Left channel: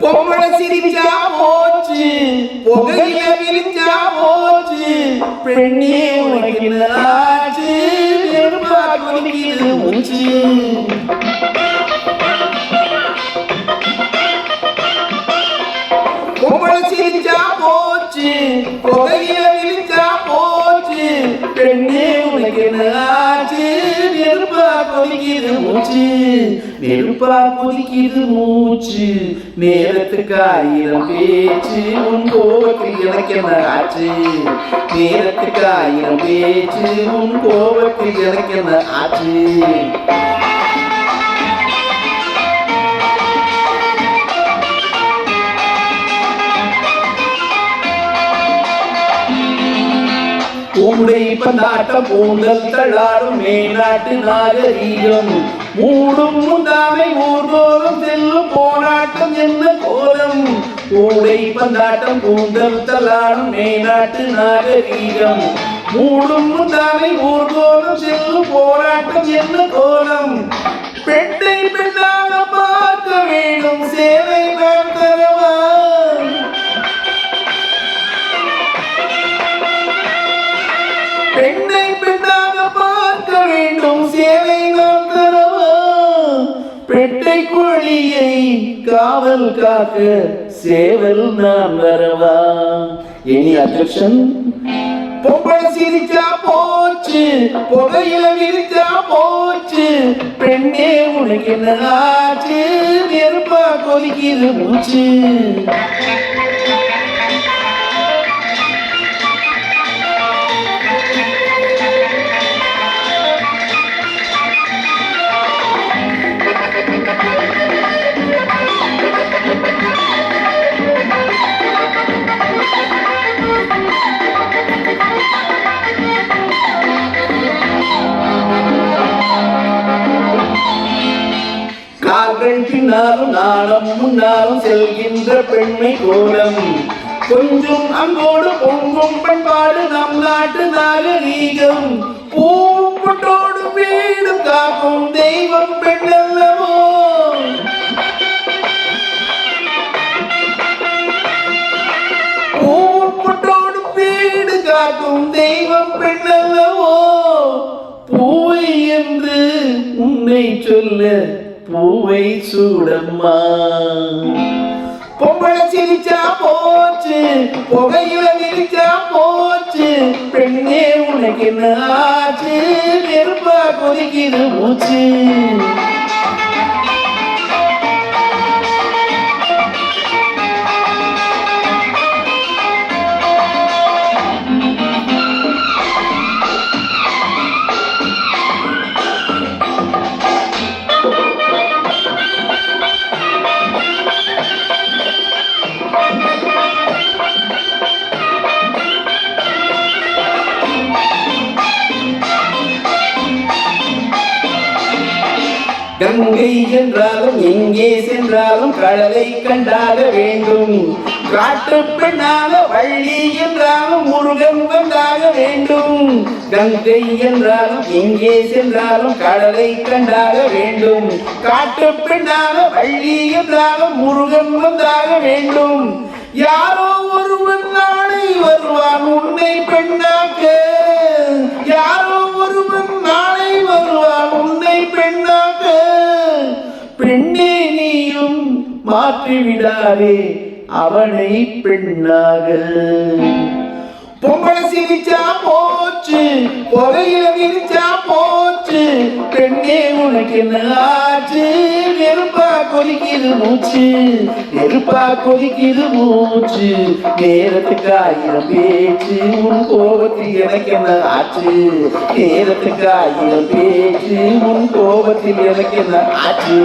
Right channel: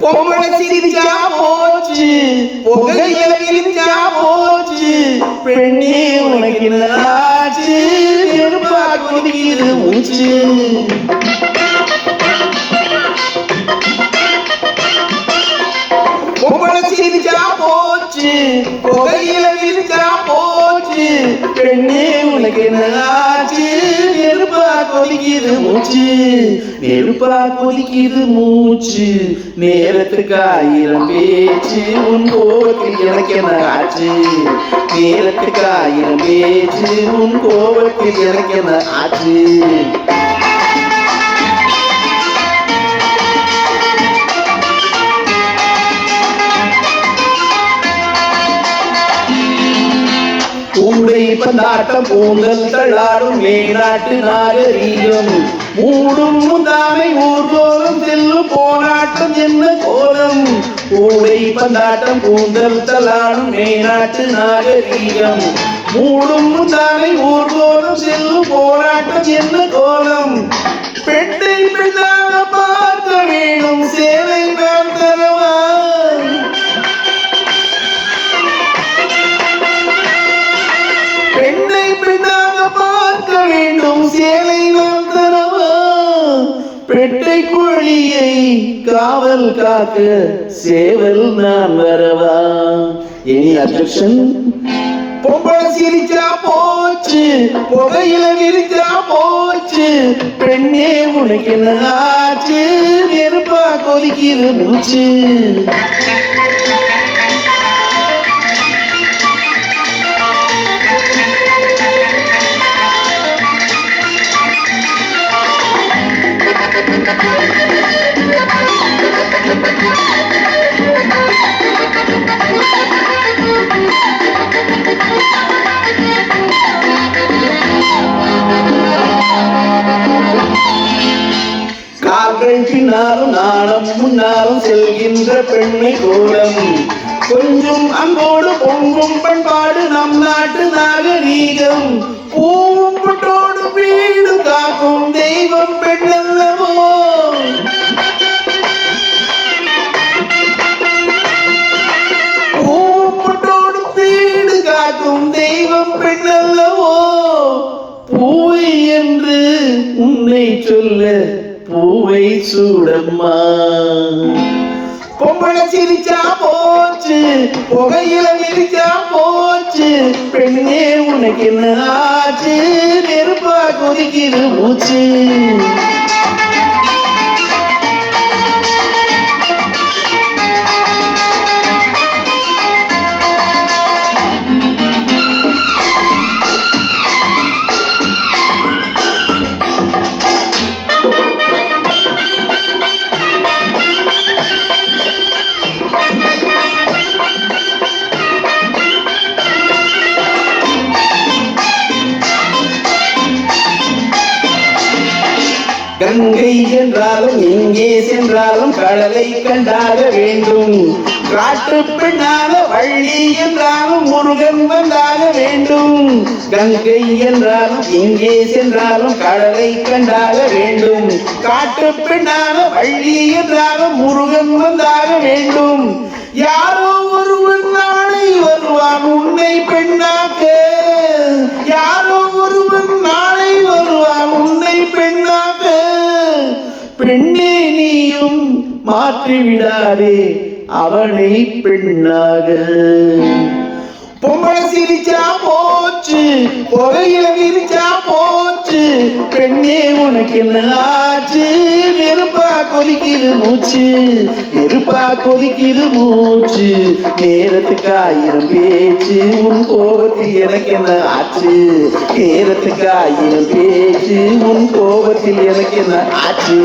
பொம்பளை சிரிச்சா போச்சு புகையில விரிச்சா போச்சு. பெண்ணே உனக்கு ஆச்சு நெருப்பா கொதிக்குது மூச்சு பொம்பளை சிரிச்சா போச்சு புகையில விரிச்சா போச்சு. பெண்ணே உனக்கு கொதிக்குது மூச்சு. நெருப்பா கொதிக்குது மூச்சு. நேரத்துக்கு ஆயிரம் பேச்சு. உன் கோபத்தில் எனக்கு என்ன ஆச்சு? நேரத்துக்கு ஆயிரம் பேச்சு. உன் கோபத்தில் எனக்கு என்ன ஆச்சு? கூடை பந்தாட்டம் பூந்தல் தள்ளாடும் மேநாட்டு நாகரீகம். மூடும் முந்தாமை ஊர்கோலம் செல்லும் போராட்டம் என்ன கோலம்? கூடை பந்தாட்டம் பூந்தல் தள்ளாடும் மேநாட்டு நாகரீகம். மூடும் முந்தாமை ஊர்கோலம் செல்லும் போராட்டம் என்ன கோலம்? பெட்டை கோழியை காவல் காக்க சேவல் நான் வரவா? எனி அப்செக்ஷன் பொம்பளை சிரிச்சா போச்சு புகையில விரிச்சா போச்சு பெண்ணே உனக்கு என்ன ஆச்சு? நெருப்பா கொதிக்கிற மூச்சு. கால்கள் பின்னாலும் நாணம் முன்னாலும் செல்கின்ற பெண்மை கோலம். கொஞ்சம் அன்போடு பொங்கும் பண்பாடு நம் நாட்டு நாகரீகம். பூ சொல்ல பூவை சூடம்மா. பொம்பளை சிரிச்சா போச்சு புகையில விரிச்சா போச்சு பெண்ணே உனக்கு என்ன ஆச்சு? நெருப்பா கொதிக்கிற மூச்சு. கங்கை என்றாலும் எங்கே சென்றாலும் கடலை கண்டாக வேண்டும். காட்டு பெண்ணாக வள்ளி என்றாலும் முருகன் வந்தாக வேண்டும். கங்கை என்றாலும் எங்கே சென்றாலும் கடலை கண்டாக வேண்டும். காட்டு பெண்ணாக வள்ளி என்றாலும் முருகன் வந்தாக வேண்டும். யாரோ ஒருவன் நாளை வருவான் உன்னை பெண் மாற்றிவிடாதே அவனை பெண்ணாக. பொம்பளை சிரிச்சா போச்சு புகையில விரிச்சா போச்சு பெண்ணே உனக்கு என்ன ஆச்சு? நெருப்பா கொதிக்குது மூச்சு நெருப்பா கொதிக்குது மூச்சு நேரத்துக்கு ஆயிரம் பேச்சு உன் கோபத்து எனக்கு என்ன ஆச்சு? நேரத்துக்கு ஆயிரம் பேச்சு உன் கோபத்தில் எனக்கு என்ன ஆச்சு?